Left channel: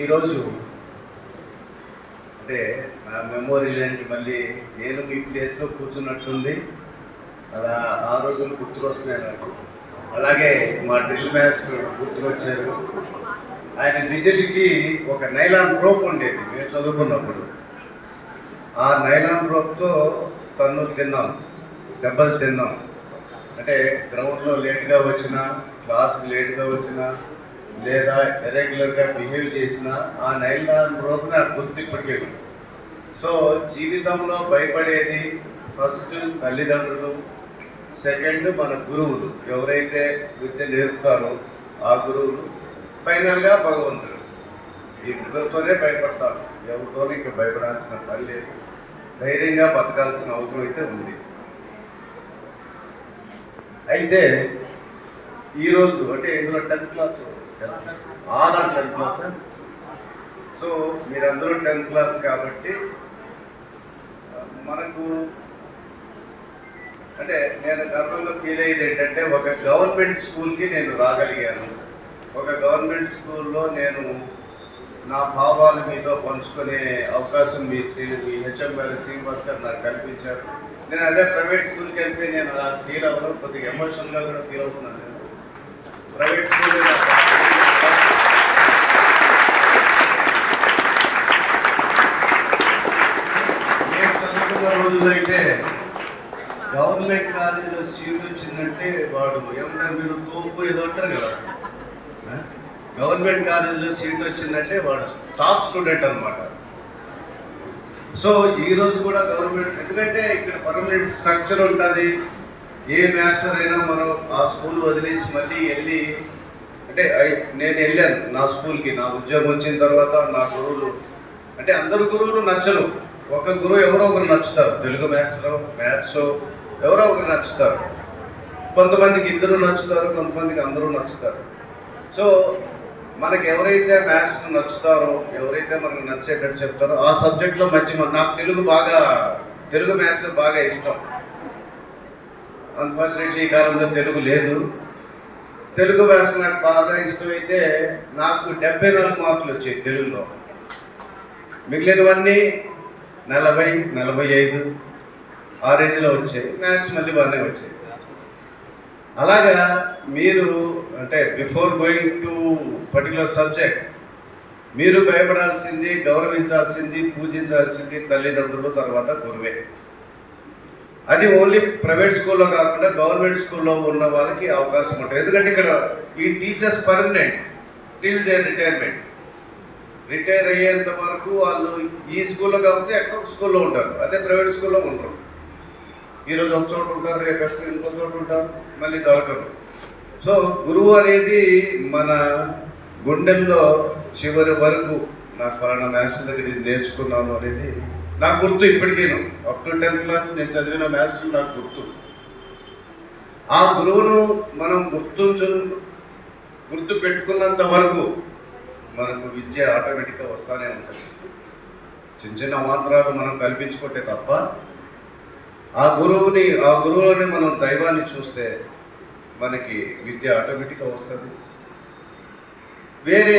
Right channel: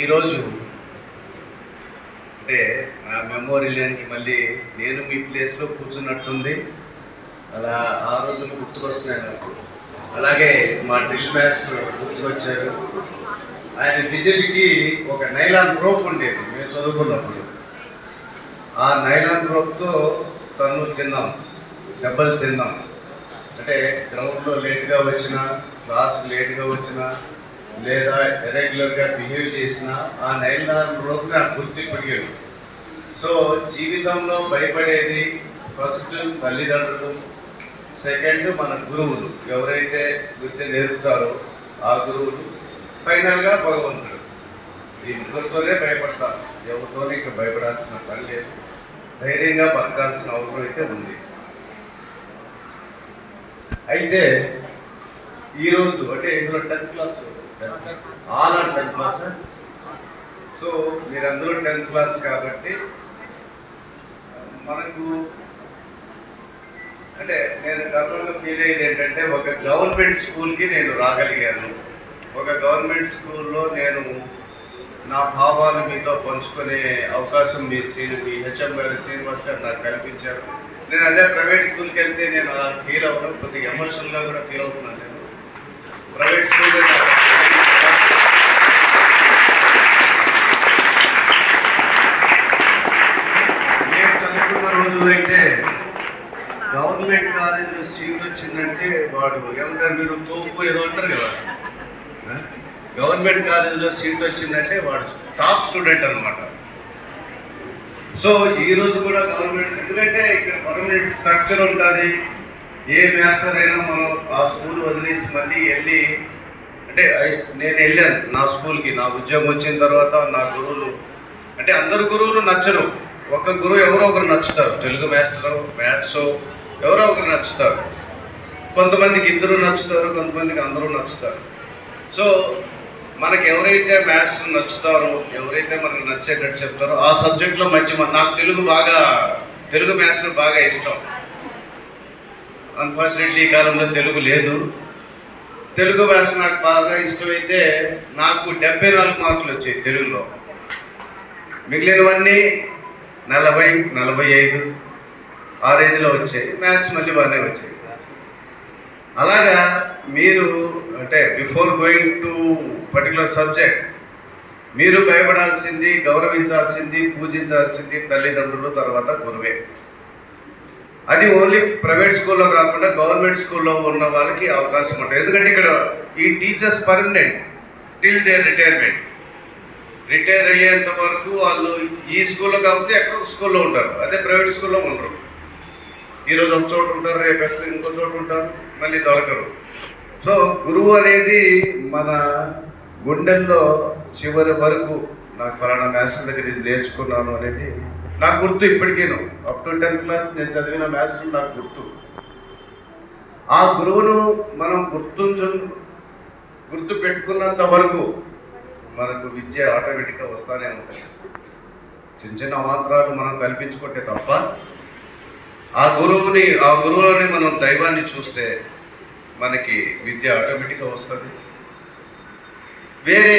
ఈరోజు అంటే నా మెమోరియల్కి మళ్ళీ నేను మీ ప్లేస్లో కూర్చున్నట్టుంది. అలా ఆ రోజులు గుర్తుకొస్తున్నాయి నాకు. అలాగే మా డ్రిల్ మాస్టర్ గుర్తుకొచ్చారు. ఆయన విజిల్కి ఒక నైలాన్ రోప్ ఉండేది మేము చదువుకున్నప్పుడు. ఆ నైలాన్ రోప్తో తన్నులు తిన్నాం, దెబ్బలు తిన్నాం. అంటే గ్రౌండ్లో లేట్గా వచ్చినా, క్లాస్ లేట్గా వచ్చినా, లేదా ఇరెగ్యులర్గా బిహేవ్ చేసిన ఆ నైలాన్ రోప్ నాకు గుర్తిప్పటికేడు. సో జీవితంలో భయపడేది ఫస్ట్ తల్లిదండ్రులు, సెకండ్ మన గురువులు, ఎవరైతే విద్య నేర్పుతారో ఆ గురువులు, ఫైనల్గా భగవంతుడు. ఈ ముగ్గురితోనే భయపడతారు. ఎవరితోనే ఇక భయపడాల్సిన పని లేదు. ధైర్యంగా బతకాల్సిన అవసరం అయితే ఉంది. అయితే ఈరోజు అంటే ఇందులో 10th class all 10th class. So మీరందరూ 10th క్లాస్ కాబట్టి మనకు అంటే నేను గర్వంగా ఫీల్ అయ్యేది ఏంటంటే ఒక గవర్నమెంట్ స్కూల్కి నేను రాగలిగాను. ఒక గవర్నమెంట్ స్కూల్లో నేను నా భావాలు మీతో పంచుకునే అవకాశం మీ హెచ్ఎం గారు శ్రీనివాస్ గారు నాకు కల్పించారు. నేను అదే ప్రైవేట్ స్కూల్కి వెళ్తే నేను అలా ఫీల్ అవ్వను, కొద్దిగా ఎమోషనల్గా కూడా ఫీల్ అవుతున్నాను. నేను ప్రైవేట్ స్కూల్ నేను చదువుకున్న రోజులైతే గవర్నమెంట్ కాలేజీలో సీట్ వచ్చిందంటే వాడు ఏమంటారు, మీరు తోపు ఏదో అంటారు కదా. గవర్నమెంట్ కాలేజీలో సీట్ వచ్చిందంటే వాడు టాప్ స్టూడెంట్ అనమాట. సో ఈరోజు కూడా గవర్నమెంట్, ఎందుకంటే ఇక్కడ పర్మనెంట్ స్ట్రక్చర్ ఉంటుంది. ఏ మాస్టర్ అయినా మనం ఆ స్కూల్ వదిలేసి మళ్ళీ వెళ్ళి, అంటే నేను వెళ్ళాను నా స్కూల్కి. నా ఉద్యోగం వచ్చిన తర్వాత నా గురువులు అంటే అందరు గురువులు నచ్చరు. ఒక గురువు ఎవరో ఒకరు నచ్చుతారు. తెలుగు మాస్టర్, మ్యాథ్స్ ఎవరో ఒకరు నచ్చుతారు. కొంతమందికి ఇద్దరు నచ్చుతారు, కొంతమందికి అందరూ నచ్చుతారు. సో మనకి ఎవరైతే మ్యాథ్స్ నచ్చుతారో, ఎవరైతే మనకు నచ్చేటట్టు చెప్తారో ఆ సబ్జెక్ట్లో నాకు తెలుగు మ్యాథ్స్ బాగా ఇష్టం. అన్ఫార్చునేట్లీ ఈ కాలంలో తెలుగు లేదు. తెలుగు మ్యాథ్స్ నాకు బాగా ఇష్టమైతే నాకు 74 మార్కులు వచ్చాయి తెలుగులో. మిగిలినవన్నీ 40, 45 ఆ రేంజ్లో వచ్చాయి. మ్యాథ్స్ మళ్ళీ బాగానే వచ్చాయి. అలాగా మీరు అంటే before going to particular subject మీరు భయపడాల్సింది, గౌరవించాల్సింది, పూజించాల్సింది తల్లిదండ్రులు, తర్వాత గురువే. అది ఓన్లీ ప్రైవేట్ స్కూల్లో కాకుండా గవర్నమెంట్ స్కూల్లో ఉన్న వాళ్ళకి అవకాశం ఉంటుంది. ఎందుకంటే ఇక్కడ ఈ teachers permanent till their retirement. Retire అయ్యేంత వరకు వాళ్ళు ఈ స్కూల్లో కాకపోతే ఎక్కడొక స్కూల్లో ఉంటారు. అదే ప్రైవేట్ స్కూల్లో ఉండరు. ఈరోజు ఒక చోట ఉంటారు, రేపు ఇంకో చోట ఉంటారు, మళ్ళీ దొరకరు. సో గురువు అనేది మన గుండెల్లో చివరి వరకు నాకు ఫలానా మ్యాథ్స్ దగ్గర ఇది నేర్చుకున్నాను అనేది నాకు గుర్తు. ఇప్పటికేను అప్ టు 10th క్లాస్ నేను చదివిన మ్యాథ్స్ నాకు గుర్తు. ఆ గురువును మనం గుర్తు పెట్టుకున్నంత వరకు మనకు విద్య ఆటోమేటిక్గా వస్తానే ఉంటుంది. చిన్న చిన్న అవాంతరాలు మనం కల్పించుకుంటే తప్ప ఆ గురువులోని మనం దైవాన్ని చూస్తే మనకి విద్య ఆటోమేటిక్గా వస్తుంది. వేరే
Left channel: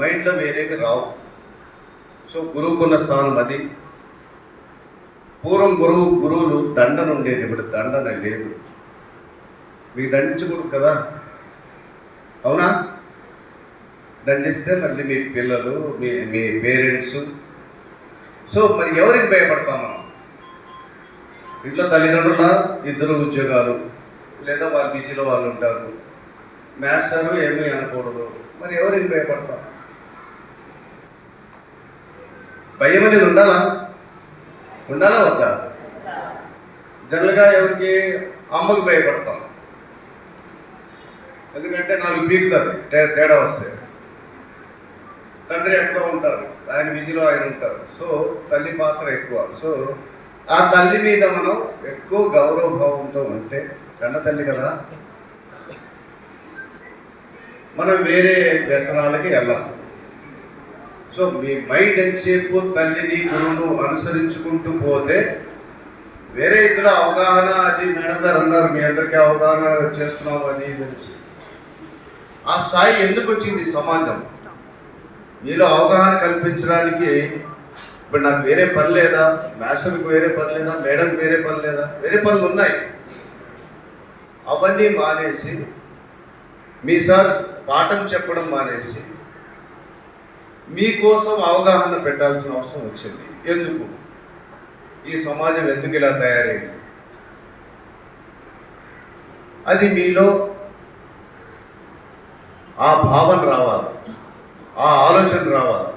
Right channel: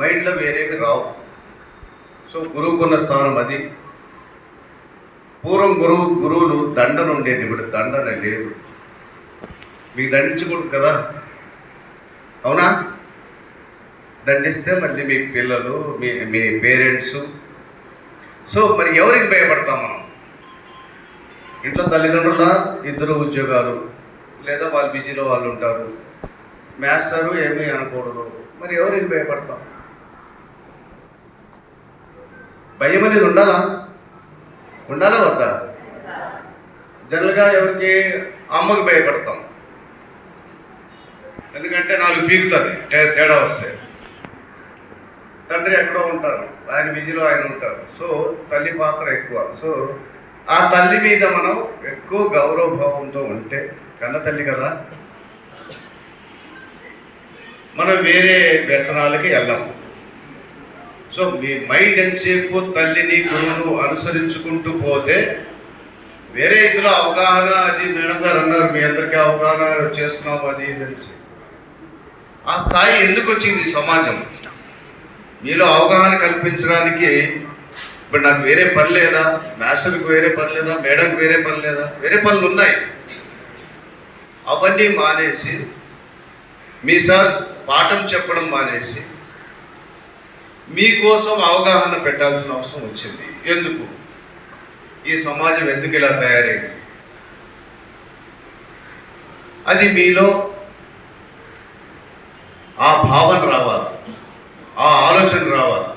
మైండ్లో వేరేవి రావు. సో గురువుకున్న స్థానం అది. పూర్వం గురువులు దండన ఉండేది, ఇప్పుడు దండన లేదు. మీకు దండించకూడదు కదా, అవునా? దండిస్తే మళ్ళీ మీ పిల్లలు, మీ పేరెంట్స్. సో మరి ఎవరికి భయపడతాం మనం? ఇంట్లో తల్లిదండ్రుల 2 ఉద్యోగాలు, లేదా వాళ్ళ బిజీలో వాళ్ళు ఉంటారు. మాస్టరు ఏమీ అనకూడదు. మరి ఎవరికి భయపడతాం? భయం అనేది ఉండాలా వద్దా? జనరల్గా ఎవరికి? అమ్మకు భయపడతాం. ఎందుకంటే 4 పీకుతుంది తేడా వస్తే. తండ్రి ఎక్కడో ఉంటారు, ఆయన బిజీలో ఆయన ఉంటారు. సో తల్లి పాత్ర ఎక్కువ. సో ఆ తల్లి మీద మనం ఎక్కువ గౌరవభావంతో ఉంటే, కన్న తల్లి కదా, మనం వేరే వ్యసనాలకి వెళ్ళాం. సో మీ మైండ్ ఎంతసేపు తల్లిని, గురువును అనుసరించుకుంటూ పోతే వేరే ఇతర అవగాహన, అది మేడం గారు అన్నారు, మీ అందరికీ అవగాహన చేస్తున్నాము అది తెలిసి. ఆ స్థాయి ఎందుకు వచ్చింది సమాజం? మీలో అవగాహన కల్పించడానికి ఇప్పుడు నాకు వేరే పని లేదా, మాస్టర్కి వేరే పని లేదా, మేడంకి వేరే పని లేదా, వేరే పనులు ఉన్నాయి. అవన్నీ మానేసి మీ సార్ పాఠం చెప్పడం మానేసి మీకోసం అవగాహన పెట్టాల్సిన అవసరం వచ్చింది. ఎందుకు ఈ సమాజం ఎందుకు ఇలా తయారైంది, అది మీలో ఆ భావన రావాలి, ఆ ఆలోచన రావాలి.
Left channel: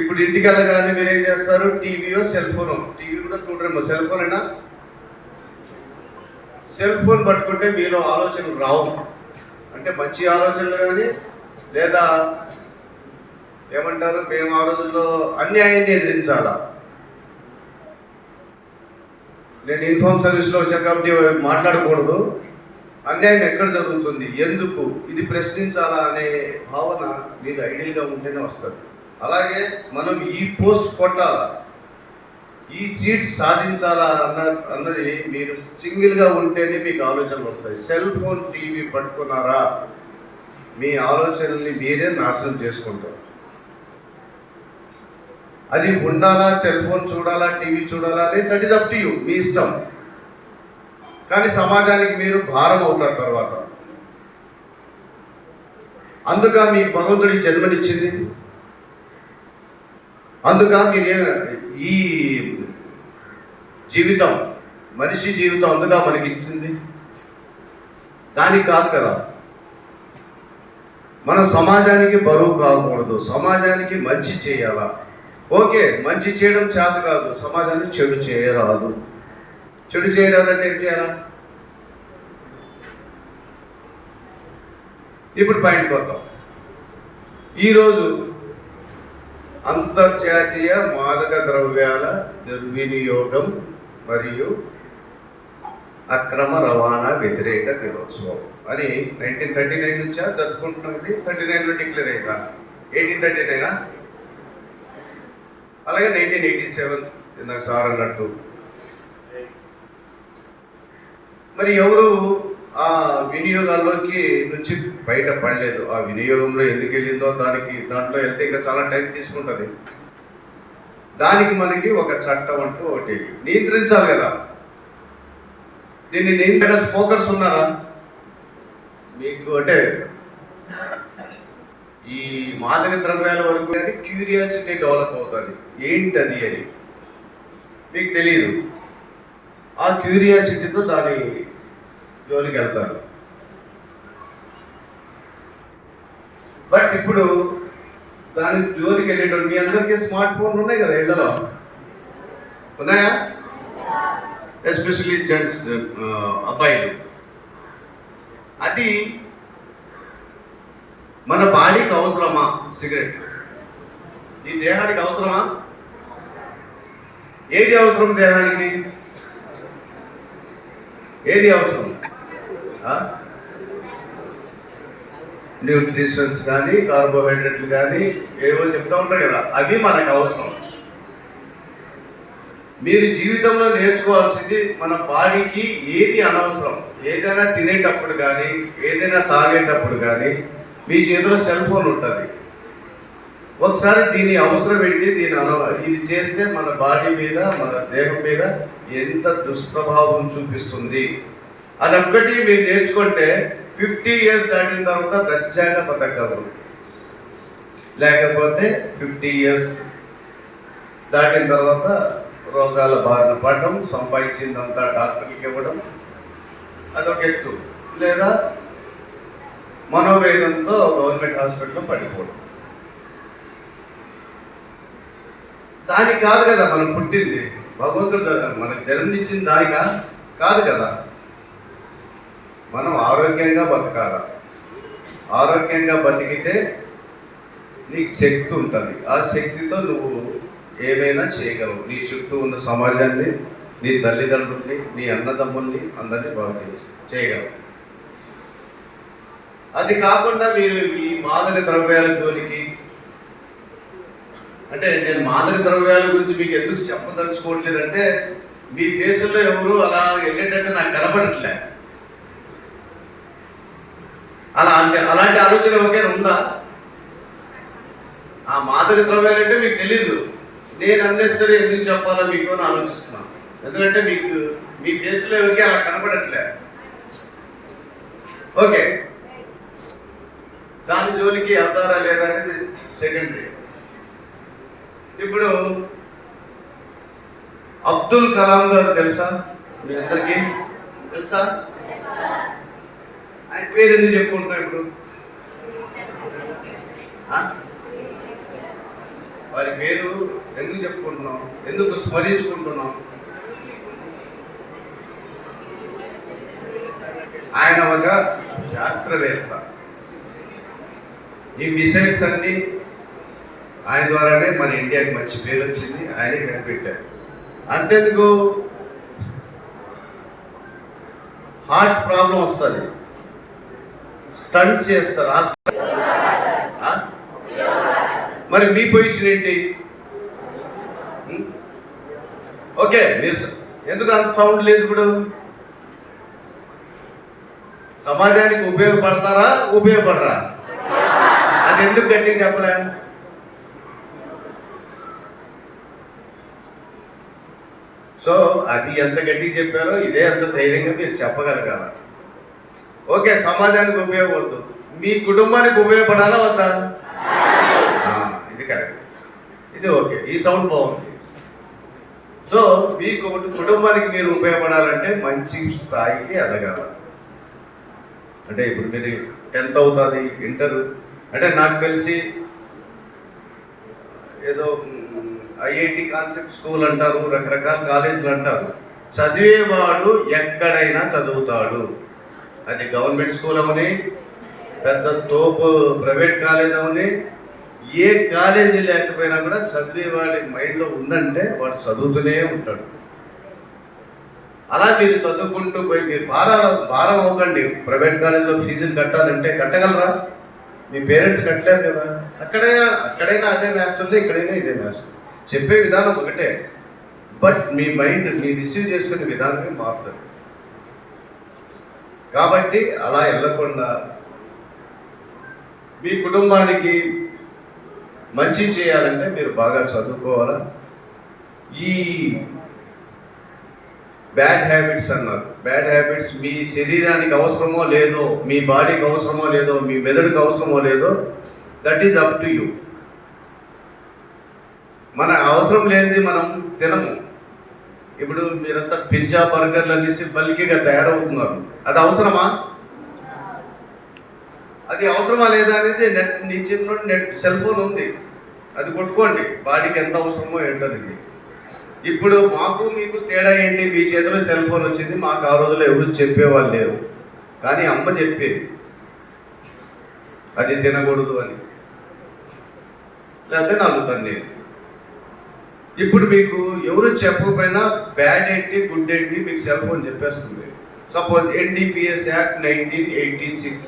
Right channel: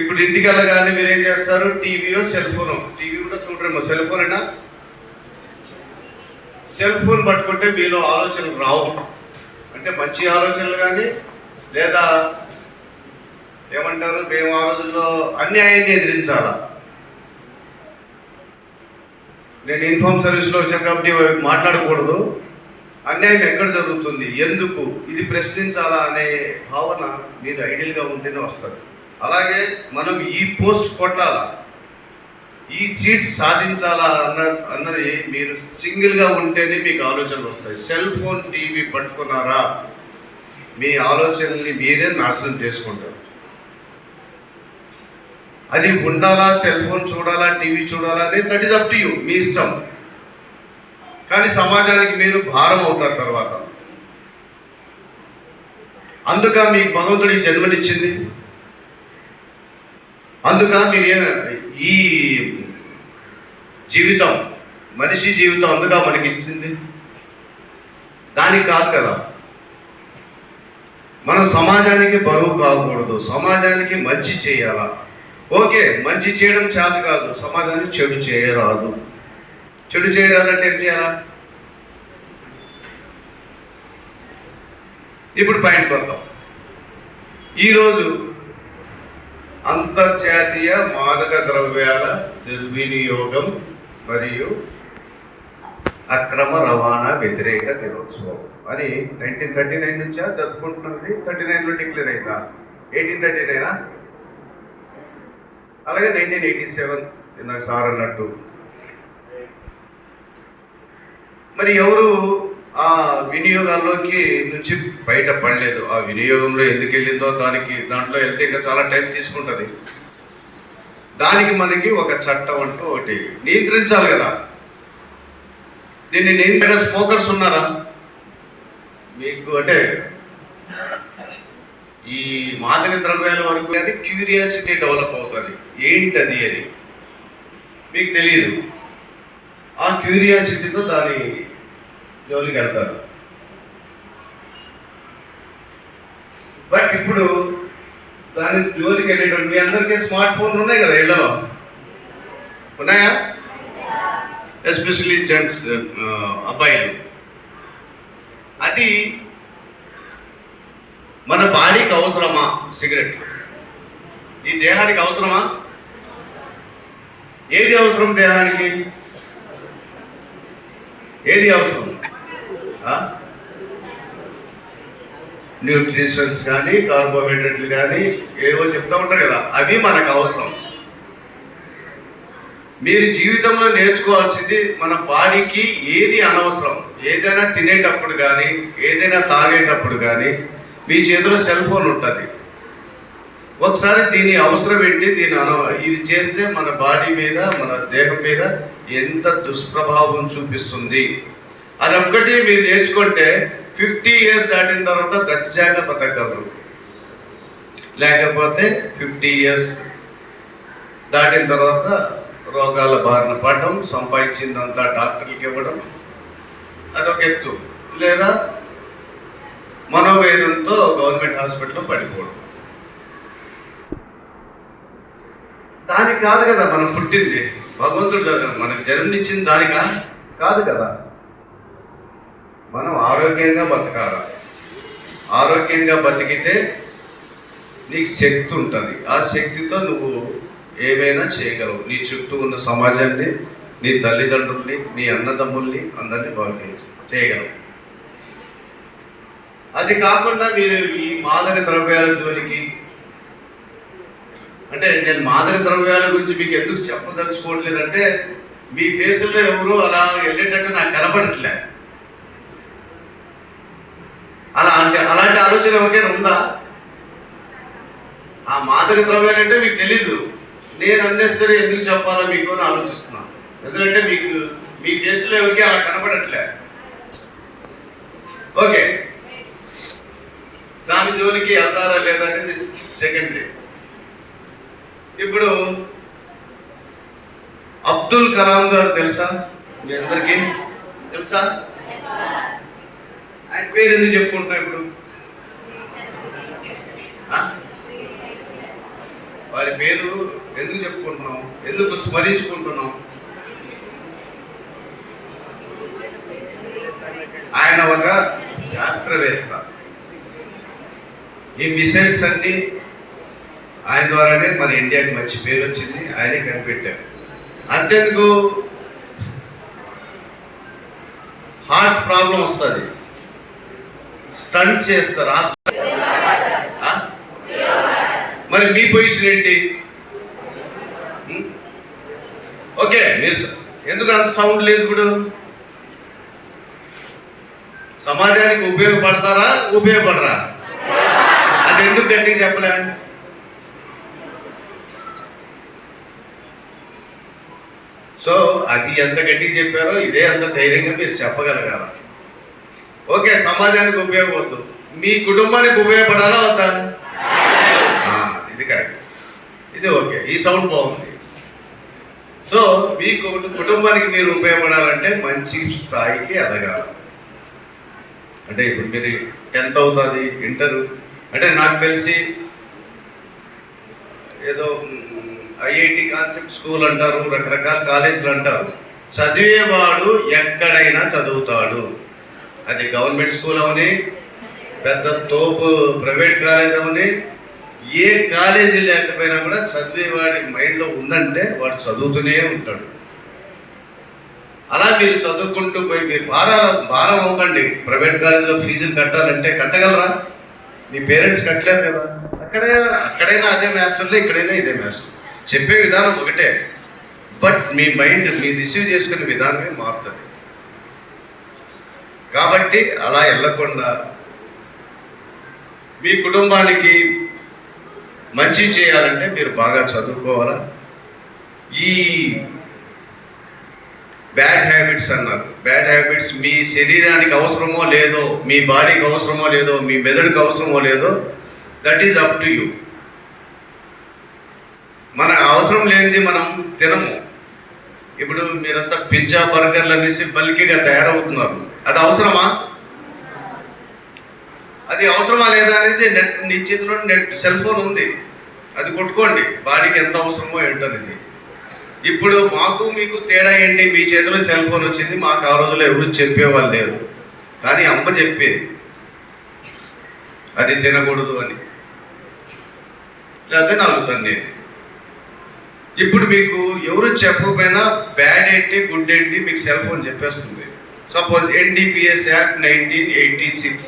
ఇప్పుడు ఇంటికి వెళ్ళగానే మీరు ఏం చేస్తారు, టీవీయో సెల్ ఫోను, టీవీ కూడా చూడరేమో, సెల్ ఫోన్ అయినా సెల్ ఫోన్ పట్టుకుంటే మీలో ఆలోచనలు రావు. అంటే మంచి ఆలోచనలు కానీ, లేదా ఏమంటారు, మేము ఆ రోజుల్లో అన్యాయాన్ని ఎదిరించాలా. నేను ఇన్ఫార్మ్ సర్వీస్లో వచ్చాక మాట్లాడకూడదు, అన్యాయం ఎక్కడ జరుగుతుంది, ఎందుకు, ఇది ప్రశ్నించాలా అనే భావన మీరు ఐడియల్గా ఉంటేనే వస్తారు. అలాగే మనం ఈ పోస్ట్ కొట్టాలా, ఈ సీట్ సాధించాలా అన్నది మీరు సింగిల్గా ఉంటేనే మీకు ఆలోచనలు వస్తాయి. సెల్ ఫోన్ టీవీ పట్టుకున్నారా, మీ ఆలోచనల్ని మీరే నాశనం చేసుకుంటారు. అది ఉండాలా, సెల్ ఫోన్ చూడాలా, టీవీ చూడాలా అనేది that is up to you, మీ ఇష్టం. కానీ సమాజానికి మీరు భారం అవుతారు తర్వాత. అందుక మీకు భగవంతుడి జన్మనిచ్చింది, అందుక మీరు ఈ జీవితం, మనిషి జీవితం అందుక మనకి ఇచ్చింది, దానికి కాదు కదా. మనం సమాజానికి బరువు కాకూడదు, సమాజానికి మంచి చేయాలా. ఓకే, మంచి చేయడం చేత కాదు, సమాజానికి చెడు చేయరాదు. చెడు చేయరాదంటే ఏం చేయాలా? ఇప్పుడు పాయింట్ వద్దాం. ఈరోజు అంతర్జాతీయ మాదక ద్రవ్యాల దుర్వినియోగం మరియు అక్రమ రవాణా వ్యతిరేక దినోత్సవం అని 1939 నుంచా జరుపుకుంటున్నది. 39లో డిక్లేర్ అయిందా? 1839 అలాగే 1987 ఇందాక సార్ అన్నట్టు. మరి ఎవరు ఆ వినియోగాల్లోకి నుంచి బయట పడలేదు. ఆ వినియోగంలో ఎందుకు వెళ్ళిందో దాంట్లో వెళ్తే ఇంకా చాలా టైం తీసుకుంటుంది. దానికి మనకి ఒక చట్టం అంటూ ఒకటి నియంత్రించాలి కదా. దీన్ని నియంత్రణ స్మోకర్స్ ఉన్నారా మీకు? అంటే ఈ మాదక ద్రవ్యాల వరకు అంటే క్యూరియాసిటీ డెవలప్ అవుతుంది, ఏంటది అని మీకు తెలియదు. ఆ క్యూరియాసిటీతో దాని జోలికి వెళ్తారు. బట్ ఇప్పుడు దాని జోలికి వెళ్ళేటువంటి మీ అందరికీ స్మార్ట్ ఫోన్లు ఉన్నాయి కదా, ఇళ్లలో ఉన్నాయా? ఎస్పెషల్లీ జెంట్స్, అబ్బాయిలు. అది మన బాడీకి అవసరమా? సిగరెట్ ఈ దేహానికి అవసరమా? ఏది అవసరం దేహానికి? ఏది అవసరం? న్యూట్రిషన్స్ కానీ, కార్బోహైడ్రేట్లు కానీ ఏవో చెప్తా ఉంటారు కదా, అవి మనకు అవసరం. మీరు జీవితంలో నేర్చుకోవాల్సింది మన బాడీకి ఏది అనవసరం. ఏదైనా తినేటప్పుడు కానీ, ఏదైనా తాగేటప్పుడు కానీ మీ చేతిలో సెల్ ఫోన్ ఉంటుంది. ఒకసారి దీని అవసరం ఏంటి, ఇది చేస్తే మన బాడీ మీద, మన దేహం మీద ఎంత దుష్ప్రభావం చూపిస్తుంది, అదొక్కటి మీరు నేర్చుకుంటే 50 years దాటిన తర్వాత దర్జాగా బతకగలరు. లేకపోతే 50 years దాటిన తర్వాత రోగాల బారిన పడడం, సంపాదించిందంతా డాక్టర్లకి ఇవ్వడం అదొక ఎత్తు, లేదా మనోవేదంతో గవర్నమెంట్ హాస్పిటల్లో పడిపోవడం. దానికి కాదు కదా మనం పుట్టింది, భగవంతుడి దగ్గర మనకు జన్మనిచ్చింది దానికా కాదు కదా. మనం ఆరోగ్యంగా బతకాలి. ఆరోగ్యంగా బతికితే నీకు శక్తి ఉంటుంది. ఆ శక్తితో నువ్వు ఏమైనా చేయగలవు. నీ చుట్టూ ఉన్న సమాజాన్ని, నీ తల్లిదండ్రుల్ని, నీ అన్నదమ్ముల్ని అందరినీ బాగు చేయగలవు. అది కాకుండా మీరు ఈ మాదక ద్రవ్యాల జోలికి, అంటే నేను మాదక ద్రవ్యాల గురించి మీకు ఎందుకు చెప్పదలుచుకోవట్లేదంటే మీ ఫేసుల్లో ఎవరు అలా వెళ్ళేటట్టు నాకు కనపడట్లే. అలాంటి ఆలోచన ఎవరికైనా ఉందా? ఆ మాదక ద్రవ్యాలు అంటే మీకు తెలీదు. నేను అన్నెసరీ ఎందుకు చెప్పాలో మీకు అని ఆలోచిస్తున్నాను. ఎందుకంటే మీకు మీ కేసులో ఎవరికి అలా కనపడట్లే. ఓకే, దాని జోలికి వెళ్తారా లేదా అనేది సెకండరీ. ఇప్పుడు అబ్దుల్ కలాం గారు తెలుసా మీ అందరికీ? తెలుసా? ఆయన పేరు ఎందుకు చెప్పుకుంటున్నా ఇప్పుడు? వారి పేరు ఎందుకు చెప్పుకుంటున్నాం, ఎందుకు స్మరించుకుంటున్నాం? ఆయన ఒక శాస్త్రవేత్త. ఈ మిసైల్స్ అన్ని ఆయన ద్వారానే మన ఇండియాకి మంచి పేరు వచ్చింది, ఆయనే కనిపెట్టారు. అంతెందుకు, హార్ట్ ప్రాబ్లం వస్తుంది, స్టంట్స్ చేస్తారు. మరి మీ పొజిషన్ ఏంటి? ఓకే, మీరు ఎందుకు అంత సౌండ్ లేదు? ఇప్పుడు సమాజానికి ఉపయోగపడతారా, ఉపయోగపడరా? అది ఎందుకు గట్టిగా చెప్పలే? సో అది ఎంత గట్టిగా చెప్పారో ఇదే అంత ధైర్యంగా మీరు చెప్పగలగాల. ఓకే, సమాజానికి ఉపయోగపడదు, మీ కుటుంబానికి ఉపయోగపడాలా వద్దా? ఇది కరెక్ట్, ఇది ఓకే, ఈ సౌండ్ బాగుంది. సో మీ కుటుంబానికి మీరు ఉపయోగపడాలంటే మంచి స్థాయికి ఎదగాలి. అంటే ఇప్పుడు మీరు 10th అవుతుంది, ఇంటర్ అంటే నాకు తెలిసి ఏదో ఐఐటి కాన్సెప్ట్ స్కూల్ అంటారు, రకరకాల కాలేజీలు అంటారు. చదివేవాడు ఎక్కడైనా చదువుతాడు. అది గవర్నమెంట్ స్కూల్ అవని, పెద్ద తోపు ప్రైవేట్ కాలేజ్ అవని, ఏ కాలేజీ లేకపోయినా కూడా చదివేవాడి మైండ్లో ఉందంటే వాడు చదువుతూనే ఉంటాడు. అలా మీరు చదువుకుంటూ పోయి మీరు భారం అవ్వకండి. ప్రైవేట్ కాలేజీలో ఫీజులు కట్టాలంటే కట్టగలరా? మీ పేరెంట్స్ కట్టలేరు కదా. అక్కడైనా అదే మాస్టర్లు, ఇక్కడైనా ఇదే మాస్టర్. చెప్పే విధానం ఒకటే, బట్ మీ మైండ్ మీరు రిసీవ్ చేసుకునే విధానమే మారుతుంది. కాబట్టి అలా వెళ్ళకుండా మీ కుటుంబానికి మంచి చేయాలంటే మీరు బాగా చదువుకోవాలా. ఈ బ్యాడ్ హ్యాబిట్స్ అన్నారు, బ్యాడ్ హ్యాబిట్స్ మీ శరీరానికి అవసరమో లేదో, మీ బాడీకి అవసరమో లేదో, మీ మెదడుకి అవసరమో లేదో, that is up to you. మన అవసరం లేనిది మనం తినము. ఇప్పుడు మీరంతా పిజ్జా బర్గర్లు అనేసి బల్కీగా తయారవుతున్నారు, అది అవసరమా? అది అవసరమా లేదా అనేది నీ చేతిలో సెల్ ఫోన్ ఉంది, అది కొట్టుకోండి, బాడీకి ఎంత అవసరమో ఏంటనేది. ఇప్పుడు మాకు మీకు తేడా ఏంటి? మీ చేతిలో సెల్ ఫోన్ వచ్చింది, మాకు ఆ రోజుల్లో ఎవరు చెప్పేవాళ్ళు లేరు, కానీ అమ్మ చెప్పేది అది తినకూడదు అని, లేకపోతే నలుగుతాను నేను. ఇప్పుడు మీకు ఎవరు చెప్పకపోయినా బ్యాడ్ ఏంటి గుడ్ ఏంటి మీకు సెల్ ఫోన్ చెప్పేస్తుంది. సపోజ్ ఎన్డీపీఎస్ యాక్ట్ 1986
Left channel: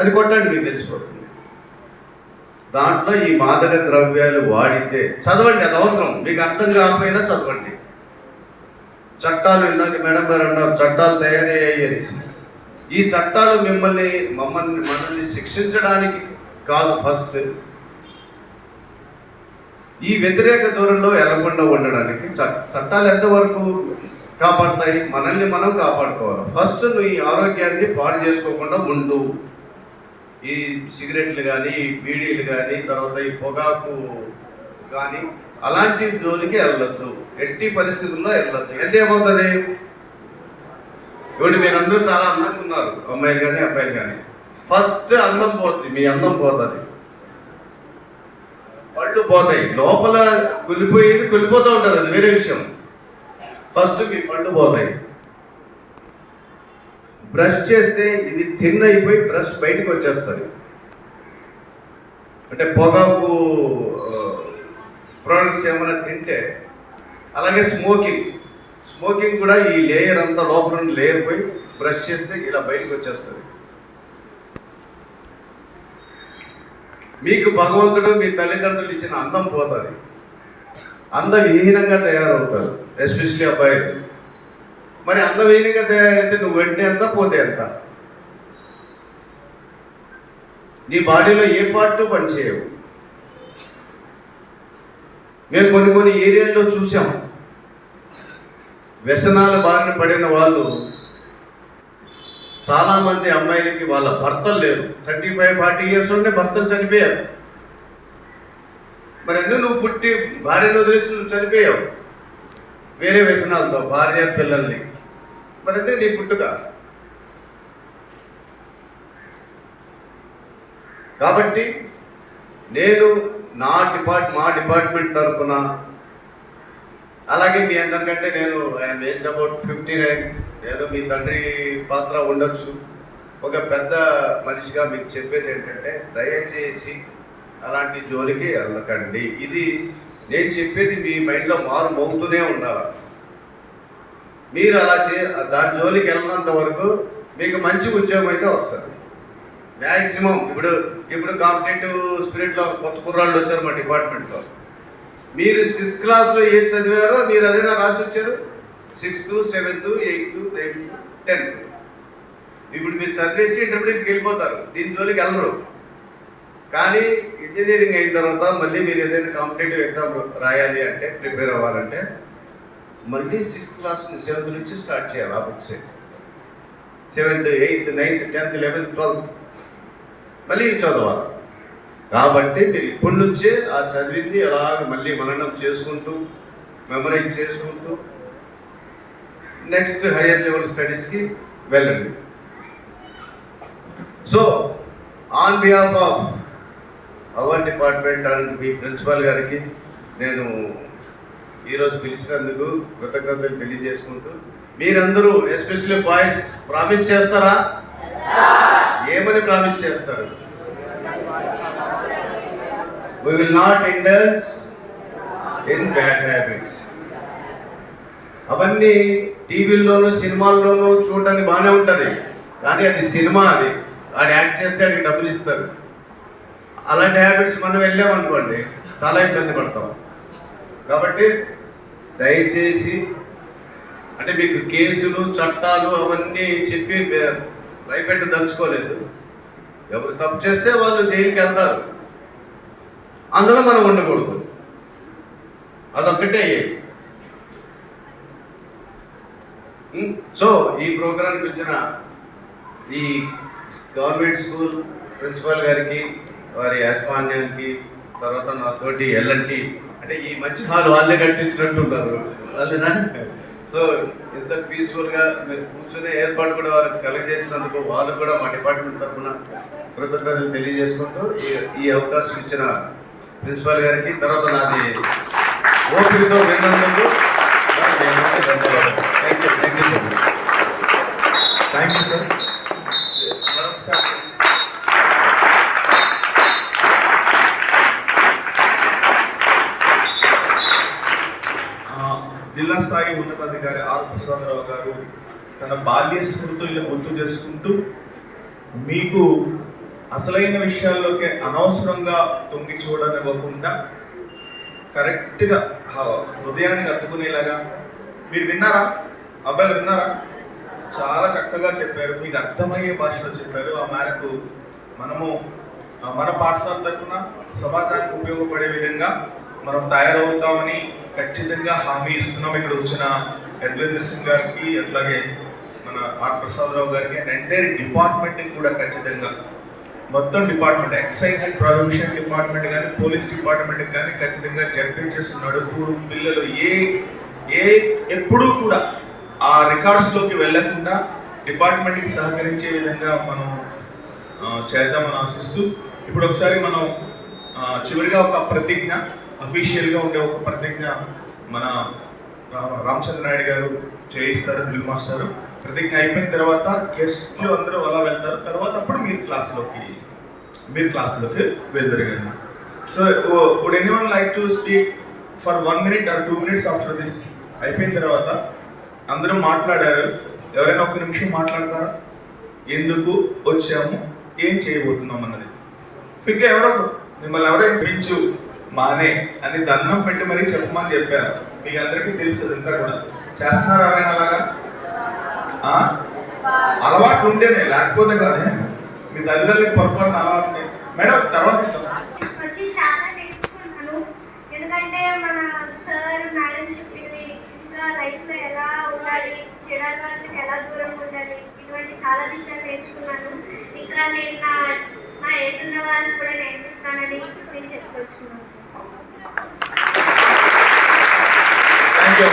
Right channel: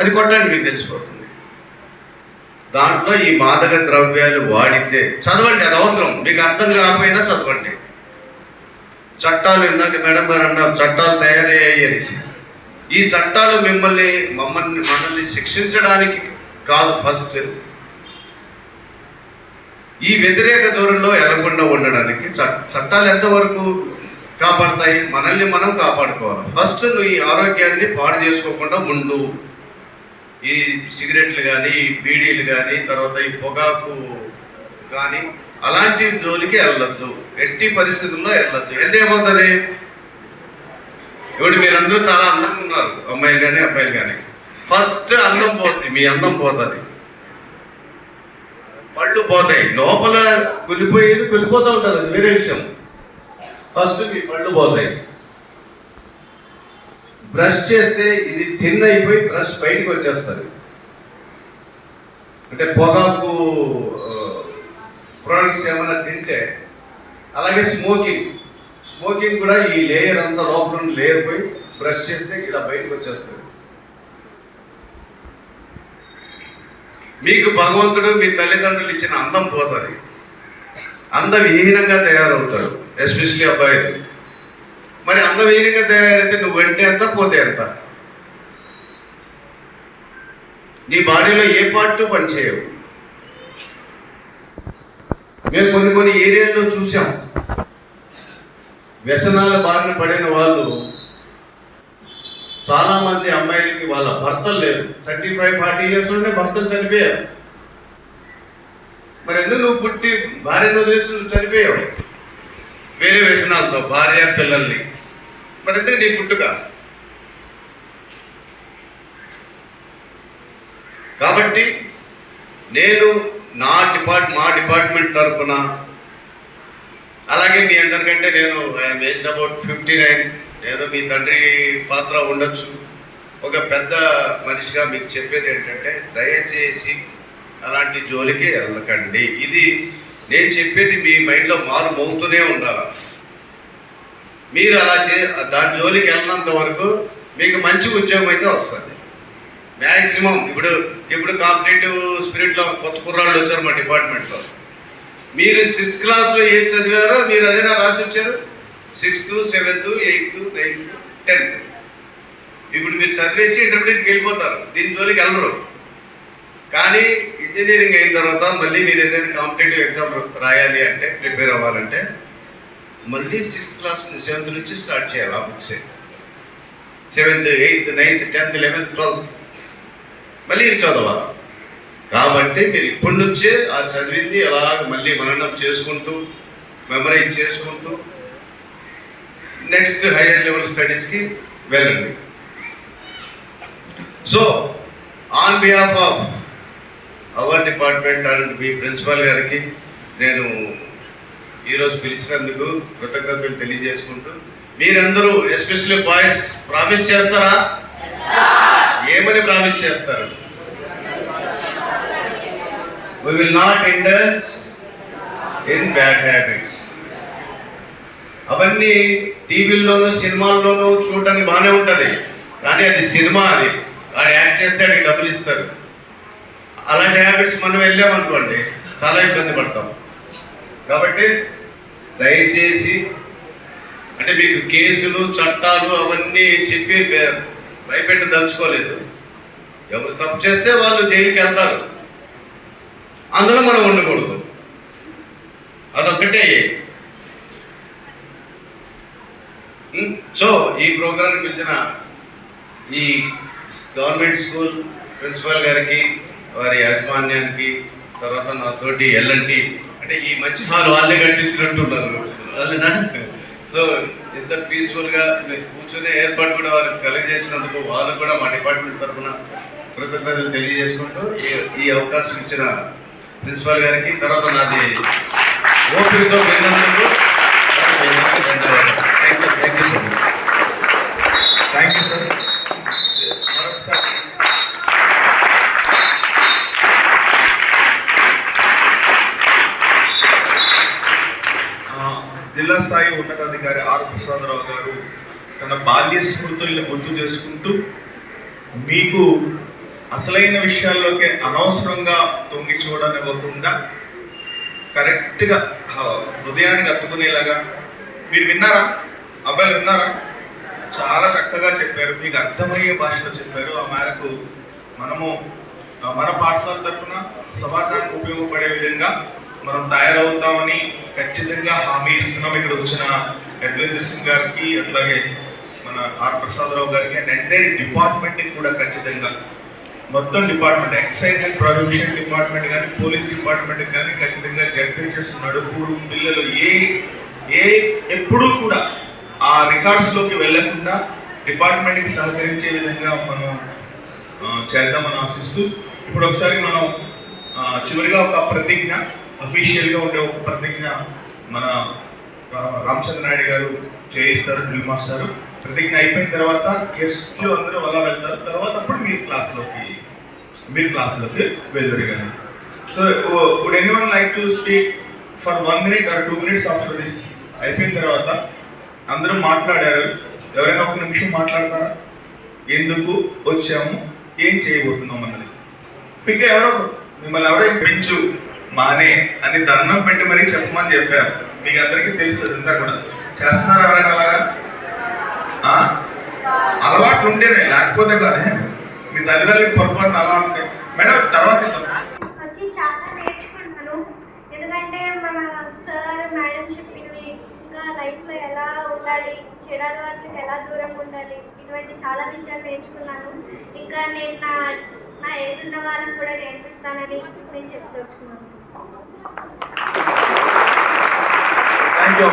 అది కొట్టండి, మీకు తెలిసిపోతుంది. దాంట్లో ఈ మాదక ద్రవ్యాలు వాడితే చదవండి, అది అవసరం. మీకు అర్థం కాకపోయినా చదవండి. చట్టాలు ఇందాక మేడం గారు అన్నారు, చట్టాలు తయారయ్యాయి అనేసి. ఈ చట్టాలు మనల్ని శిక్షించడానికి కాదు, ఫస్ట్ ఈ వ్యతిరేక ధోరణిలో వెళ్లకుండా ఉండడానికి. చట్టాలు ఎంతవరకు కాపాడతాయి? మనల్ని మనం కాపాడుకోవాలి. ఫస్ట్ నువ్వు ఈ ఆరోగ్యాన్ని పాడు చేసుకోకుండా ఉండు. ఈ సిగరెట్లు కానీ, బీడీలు కానీ, తర్వాత ఈ పొగాకు కానీ అలాంటి జోలికి వెళ్ళొద్దు, ఎట్టి పరిస్థితుల్లో వెళ్ళొద్దు. ఏమవుతుంది? ఇప్పుడు మీరందరూ చాలా అందంగా ఉన్నారు, అమ్మాయిలు కానీ అబ్బాయిలు కానీ. ఫస్ట్ అందం పోతుంది, మీ అందం పోతుంది, పళ్ళు పోతాయి, లోపల కులిపోతూ ఉంటుంది, అది వేరే విషయం. ఫస్ట్ మీ పళ్ళు పోతాయి. బ్రష్ చేస్తే ఇది థిన్ అయిపోయి బ్రష్ బయటకు వచ్చేస్తుంది. అంటే పొగాకు ప్రోడక్ట్స్ ఏమైనా తింటే, అలాగే స్మోకింగ్ కూడా ఈ లేయర్ అంతా లోపల లేయర్ పోయి బ్రష్ చేస్తే ఇలా బయటకు వచ్చేస్తుంది. మీకు భగవంతుడు మీ తల్లిదండ్రులు ఇచ్చిన అందం పోతుంది, అందవిహీనంగా తయారవుతాడు, ఎస్పెషలీ అబ్బాయిలు. మరి అందవిహీనంగా తయారైతే నువ్వు వెంటే ఎంత పోతే ఎంత? నీ బాడీలో ఏ పార్ట్ పనిచేయవు. మేము కొన్ని ఏరియాల్లో చూసాం, వ్యసనాల బారిన పడిన వాళ్ళు చాలామంది అమ్మాయిలకి వాళ్ళ భర్తలు లేరు. 35-40 ఇయర్స్ ఉంటే భర్తలు చనిపోయారు. మరి ఎందుకు నువ్వు పుట్టి భార్యను వదిలేసి నువ్వు చనిపోయావు వేరే వ్యసనాలతో, భార్య పిల్లల్ని? మరి ఎందుకు నీ పుట్టుక? కాబట్టి నేను మా డిపార్ట్మెంట్ తరఫున, అలాగే మీ అందరికంటే నేను ఏజ్ అబౌట్ 59, నేను మీ తండ్రి పాత్ర ఉండొచ్చు, ఒక పెద్ద మనిషిగా మీకు చెప్పేది ఏంటంటే దయచేసి అలాంటి జోలికి వెళ్ళకండి. ఇది నేను చెప్పేది మీ మైండ్లో మారు మోగుతూనే ఉండాలి. మీరు అలా దాని జోలికి వెళ్ళినంత వరకు మీకు మంచి ఉద్యోగం అయితే వస్తుంది మ్యాక్సిమం. ఇప్పుడు కాంపిటేటివ్ స్పిరిట్లో కొత్త కుర్రాళ్ళు వచ్చారు మా డిపార్ట్మెంట్లో. మీరు 6th క్లాస్లో ఏది చదివారో మీరు అదేనా రాసి వచ్చారు. 6th, 7th, 8th, 9th, 10th. ఇప్పుడు మీరు చదివేసి ఇంటర్మీడియట్కి వెళ్ళిపోతారు, దీని జోలికి వెళ్ళరు. కానీ ఇంజనీరింగ్ అయిన తర్వాత మళ్ళీ మీరు ఏదైనా కాంపిటేటివ్ ఎగ్జామ్ రాయాలి అంటే, ప్రిపేర్ అవ్వాలంటే మళ్ళీ 6th క్లాస్ 7th నుంచి స్టార్ట్ చేయాలి ఆ books. 7th, 8th, 9th, 10th, 11th, 12th మళ్ళీ చదవాలి. కాబట్టి మీరు ఇప్పటి నుంచే ఆ చదివింది అలాగ మళ్ళీ మననం చేసుకుంటూ, మెమరైజ్ చేసుకుంటూ నెక్స్ట్ హైయర్ లెవెల్ స్టడీస్కి వెళ్ళండి. So on behalf of our department and me principal గారికి నేను ఈరోజు పిలిచినందుకు కృతజ్ఞతలు తెలియజేసుకుంటూ, మీరందరూ ఎస్పెషల్లీ బాయ్స్ ప్రామిస్ చేస్తారా? ఏమని ప్రామిస్ చేస్తారు? We will not indulge in bad habits. అవన్నీ టీవీల్లోనూ సినిమాల్లోనూ చూడడానికి బాగానే ఉంటుంది, కానీ అది సినిమా. అది వాడు యాక్ట్ చేస్తే వాడికి డబ్బులు ఇస్తారు. అలాంటి హ్యాబిట్స్ మనం వెళ్ళామనుకోండి చాలా ఇబ్బంది పడతాం. కాబట్టి దయచేసి, అంటే మీకు కేసులు చట్టాలు అవన్నీ చెప్పి భయపెట్టి దంచుకోలేదు. ఎవరు తప్పు చేస్తే వాళ్ళు జైలుకి వెళ్తారు, అందులో మనం ఉండకూడదు. అదొక్కటే. సో ఈ ప్రోగ్రాంకి పిలిచిన ఈ గవర్నమెంట్ స్కూల్ ప్రిన్సిపల్ గారికి, వారి యాజమాన్యానికి, తర్వాత నాతోటి ఎల్ఎన్టీ, అంటే ఈ మంచి హాల్ వాళ్ళే కట్టించినట్టున్నారు వాళ్ళేనా. సో ఎంత పీస్ఫుల్గా మీరు కూర్చొని ఏర్పాటు కూడా వారికి కలిగజేసినందుకు వాళ్ళు కూడా మా డిపార్ట్మెంట్ తరఫున కృతజ్ఞతలు తెలియజేసుకుంటూ ఈ అవకాశం ఇచ్చిన ప్రిన్సిపాల్ గారికి, తర్వాత నాది ఓపికతో విన్నందుకు థ్యాంక్ యూ సార్. జిల్లా స్థాయి ఉన్నతాధికారి ఆర్ ప్రసాదరావు గారు తన బాల్య స్మృతుల్ని గుర్తు చేసుకుంటూ, మీకు అసలైన విషయాల్లోకి అనవసరంగా తొంగి చూడనివ్వకుండా కరెక్ట్గా హృదయానికి అత్తుకునేలాగా మీరు విన్నారా? అబ్బాయిలు విన్నారా? చాలా చక్కగా చెప్పారు, మీకు అర్థమయ్యే భాషలో చెప్పారు. ఆ మేరకు మనము మన పాఠశాల తరఫున సమాజానికి ఉపయోగపడే విధంగా మనం తయారవుతామని ఖచ్చితంగా హామీ ఇస్తున్నాం. ఇక్కడ వచ్చిన యజ్వేంద్ర సింగ్ గారికి, అట్లాగే మన ఆర్ ప్రసాదరావు గారికి అండ్ ఎంటైర్ డిపార్ట్మెంట్కి కూడా ఖచ్చితంగా, మొత్తం department, excise and prohibition department కానీ, పోలీస్ డిపార్ట్మెంట్ కానీ ఖచ్చితంగా జడ్పీహెచ్ఎస్ నడుపురు పిల్లలు ఎప్పుడూ కూడా ఆ రికార్డ్స్లోకి వెళ్లకుండా డిపార్ట్మెంట్కి సహకరించే విధంగా మనం చేద్దామని ఆశిస్తూ, ఇప్పుడు ఒకసారి మనం చివరిగా ఒక ప్రతిజ్ఞ, అఫీషియల్గా ఉండే ఒక ప్రతిజ్ఞ మన రామచంద్ర నాయుడు గారు చేయిస్తారు, డ్రిల్ మాస్టర్. ప్రతిజ్ఞ అయిపోయిన తర్వాత గెస్ట్లు అందరూ అలా వెళ్తారు, తర్వాత అప్పుడు మీరు క్లాస్లోకి వెళ్తారు కానీ. So would anyone like to speak for 1 minute or 2 minutes after this? అయిపోయిన తర్వాత అందరూ మాట్లాడారు, ఎవరైనా 1 నిమిషం మాట్లాడతారా? ఎందుకు వచ్చాము, ఏం చేయబోతున్నాం అన్నది. ఇంకా మిమ్మల్ని ఎవరో పెంచు మానే అని దండం పెట్టి మరీ చెప్పమని చెప్పారు. మీకు అందరికీ తెలుస్తుంది, అంతా కూడా చేస్తున్నారు. ఎవరైనా అలాగా అలవాటు ఉంటేనే, లేకపోతే కాదే. మీ తల్లిదండ్రులకు పొరపాటున అలా ఉంటాయి. మేడం తర్వాత వచ్చి చాలా నేర్చుకుంటాను, ఎందుకంటే మన చెడు అలవాట్లకు ఎలా దూరంగా ఉండాలి, ఇటువంటి చాలా విషయాలు నేర్చుకున్నాను. ఇంకా నేను నా ఏజ్ ఉన్న వాళ్ళని కూడా నేర్పిస్తానని నేను చెప్పుకొచ్చుకున్నాను. Thank you.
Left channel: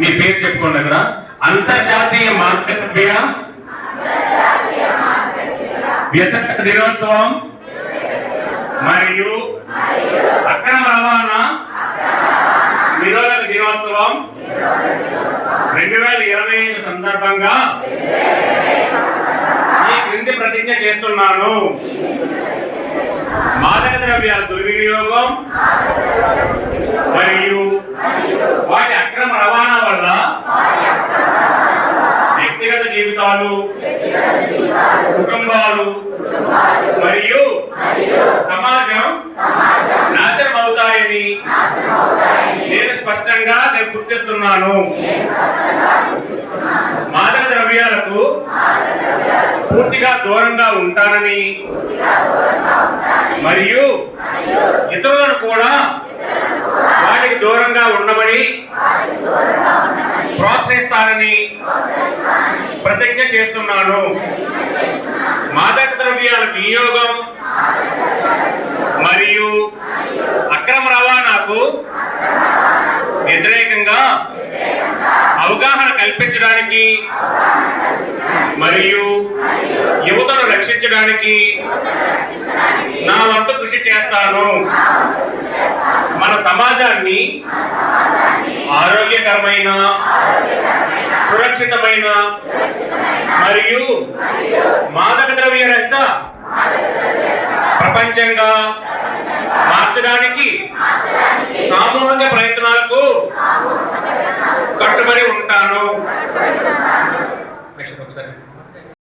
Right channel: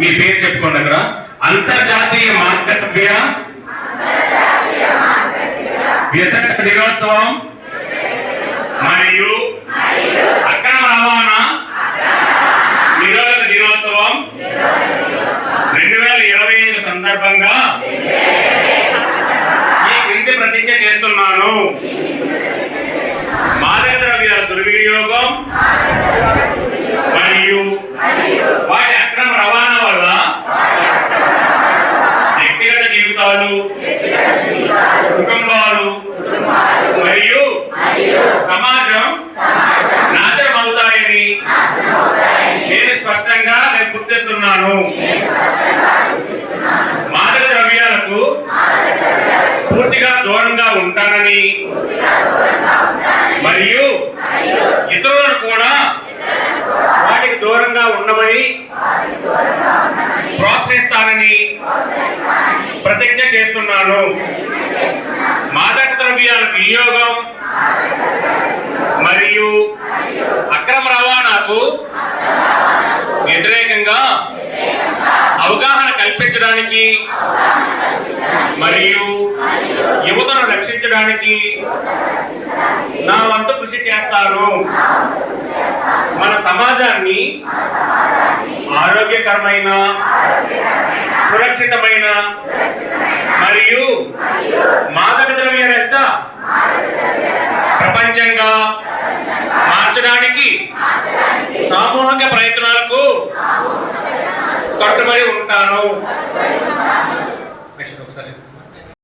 మీ పేరు చెప్పుకోండి అక్కడ. అంతర్జాతీయ మార్గద్రవ్య వ్యతిరేక దినోత్సవం మరియు అక్రమ రవాణా నిరోధక దినోత్సవం 2025 సందర్భంగా ఈ క్రింది ప్రతిజ్ఞ చేస్తున్నాను. మాదక ద్రవ్యాల దుర్వినియోగం మరియు వాటి అక్రమ రవాణా వల్ల వ్యక్తిగత జీవితాలు, కుటుంబాలు మరియు సమాజం నాశనం అవుతాయని నేను స్పష్టంగా గుర్తిస్తున్నాను. మాదక ద్రవ్యాలకు పూర్తిగా దూరంగా ఉంటానని మరియు ఇతరులను కూడా వాటికి దూరంగా ఉండమని ప్రోత్సహిస్తానని ప్రతిజ్ఞ చేస్తున్నాను. మాదక ద్రవ్యాల వినియోగం మరియు అక్రమ రవాణాకు వ్యతిరేకంగా అవగాహన కల్పించడానికి మరియు యువతను రక్షించడానికి నా వంతు కృషి చేస్తాను. మన సమాజాన్ని ఆరోగ్యకరమైన, సురక్షితమైన మరియు మాదక ద్రవ్యరహిత ప్రపంచంగా మార్చడానికి సామూహిక ప్రయత్నాలకు కట్టుబడి ఉంటాను.